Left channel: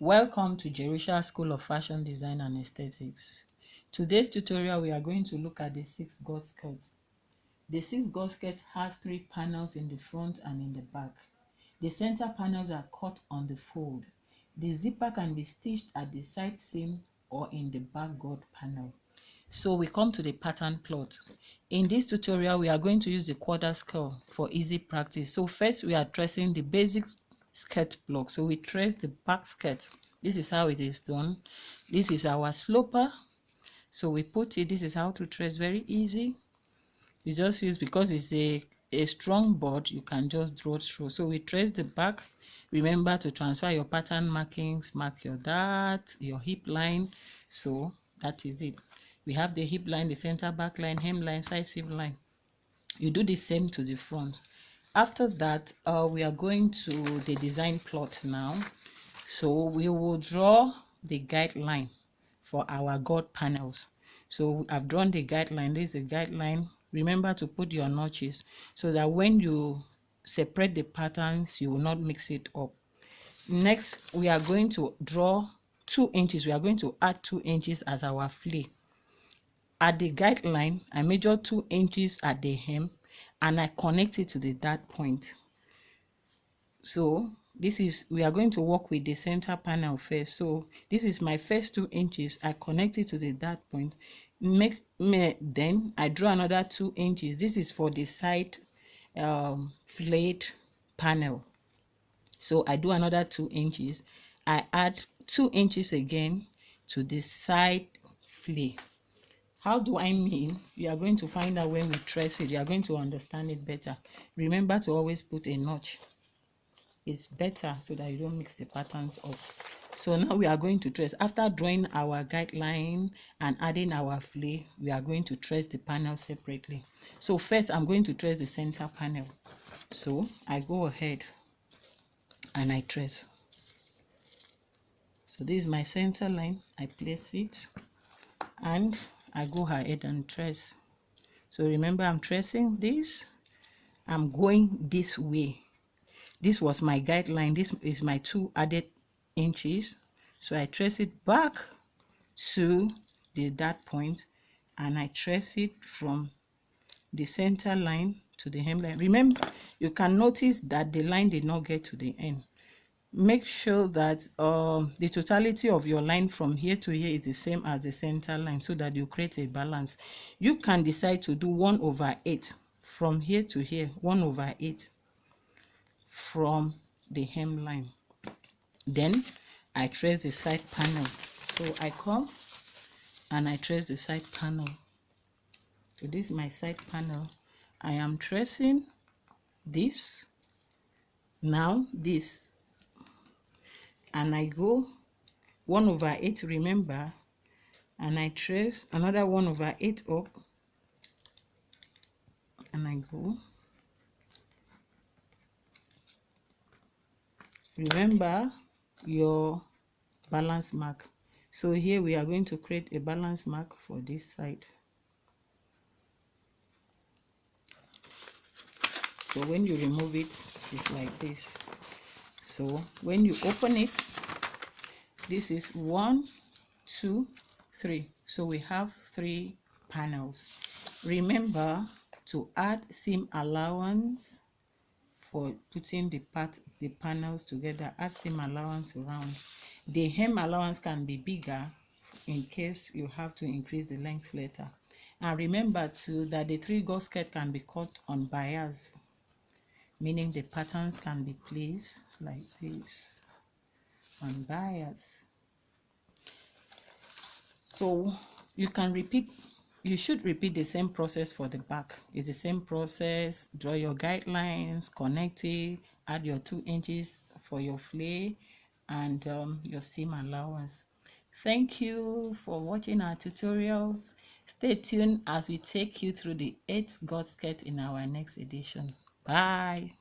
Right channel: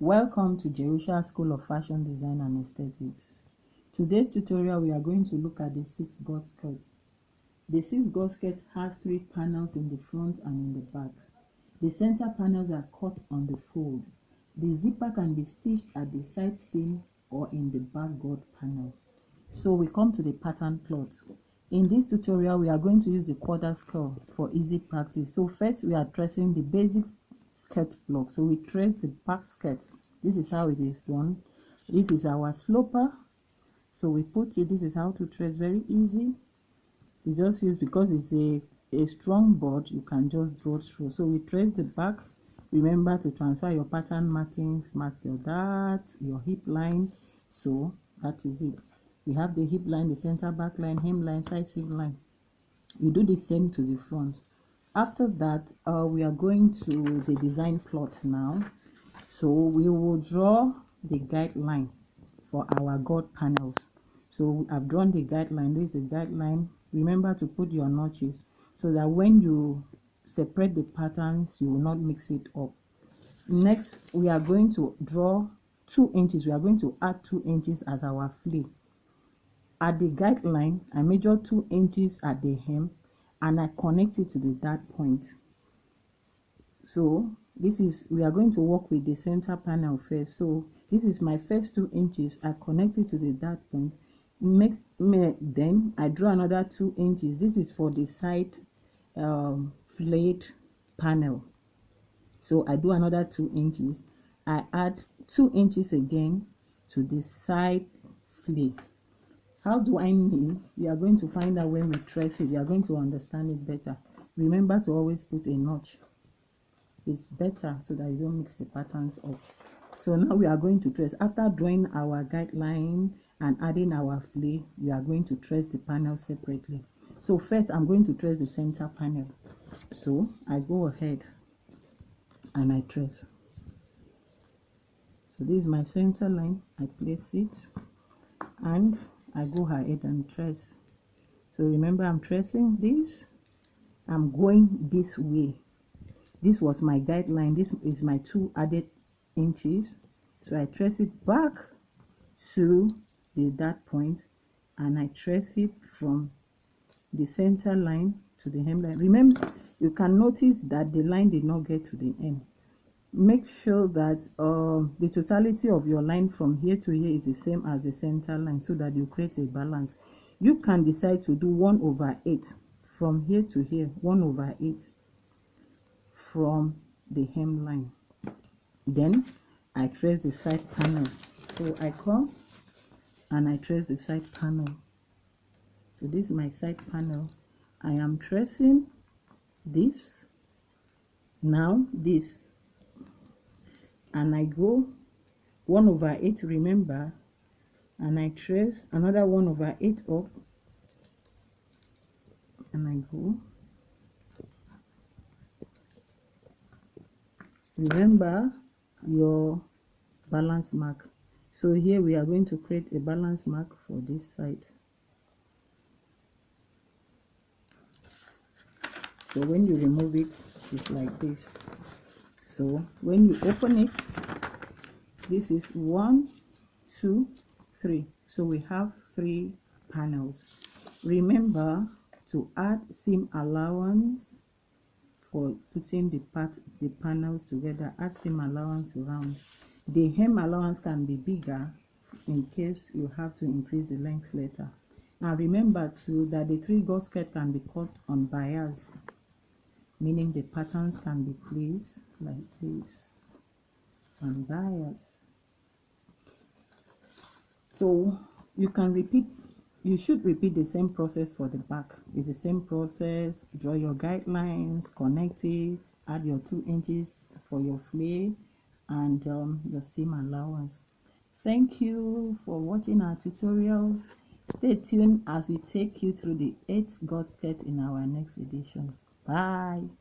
Welcome to Jerusha School of Fashion Design and Aesthetics. Today's tutorial we are going to look at the 6 gored skirt. The 6 gored skirt has 3 panels in the front and in the back. The center panels are cut on the fold. The zipper can be stitched at the side seam or in the back gored panel. So we come to the pattern plot. In this tutorial we are going to use the quarter scale for easy practice. So first we are tracing the basic skirt block. So we trace the back skirt. This is how it is done. This is our sloper. So we put it, this is how to trace, very easy. You just use, because it's a strong board, you can just draw through. So we trace the back. Remember to transfer your pattern markings, mark your dart, your hip line. So that is it. We have the hip line, the center back line, hem line, side seam line. You do the same to the front. After that, we are going to the design plot now. So we will draw the guideline for our gored panels. So I've drawn the guideline. This is the guideline. Remember to put your notches so that when you separate the patterns, you will not mix it up. Next, we are going to draw 2 inches. We are going to add 2 inches as our flare. At the guideline, I measure 2 inches at the hem and I connect it to the dart point. So this is, we are going to work with the center panel first. So this is my first 2 inches. I connect it to the dart point. Then I draw another 2 inches. This is for the side flayed panel. So I do another 2 inches. I add 2 inches again to the side flare. How do I mean? You are going to find out when we trace it. You are going to understand it better. Remember to always put a notch. It's better so that you don't mix the patterns up. So now we are going to trace. After drawing our guideline and adding our flare, we are going to trace the panel separately. So first I'm going to trace the center panel. So I go ahead and I trace. So this is my center line. I place it and I go ahead and trace. So remember, I'm tracing this. I'm going this way. This was my guideline. This is my 2 added inches. So I trace it back to the dart point and I trace it from the center line to the hem line. Remember, you can notice that the line did not get to the end. Make sure that the totality of your line from here to here is the same as the center line so that you create a balance. You can decide to do 1/8 from here to here, 1/8 from the hem line. Then I trace the side panel. So I come and I trace the side panel. So this is my side panel. I am tracing this, now this, and I go 1/8, remember, and I trace another 1/8 up and I go. Remember your balance mark. So here we are going to create a balance mark for this side. So when you remove it, it's like this. So when you open it, this is 1, 2, 3. So we have 3 panels. Remember to add seam allowance for putting the panels together. Add seam allowance around. The hem allowance can be bigger in case you have to increase the length later. And remember too that the 3 gored skirt can be cut on bias, meaning the patterns can be placed like this on bias. So you can repeat, you should repeat the same process for the back. It's the same process. Draw your guidelines, connect it, add your 2 inches for your flare and your seam allowance. Thank you for watching our tutorials. Stay tuned as we take you through the 8 gored skirt in our next edition. Bye.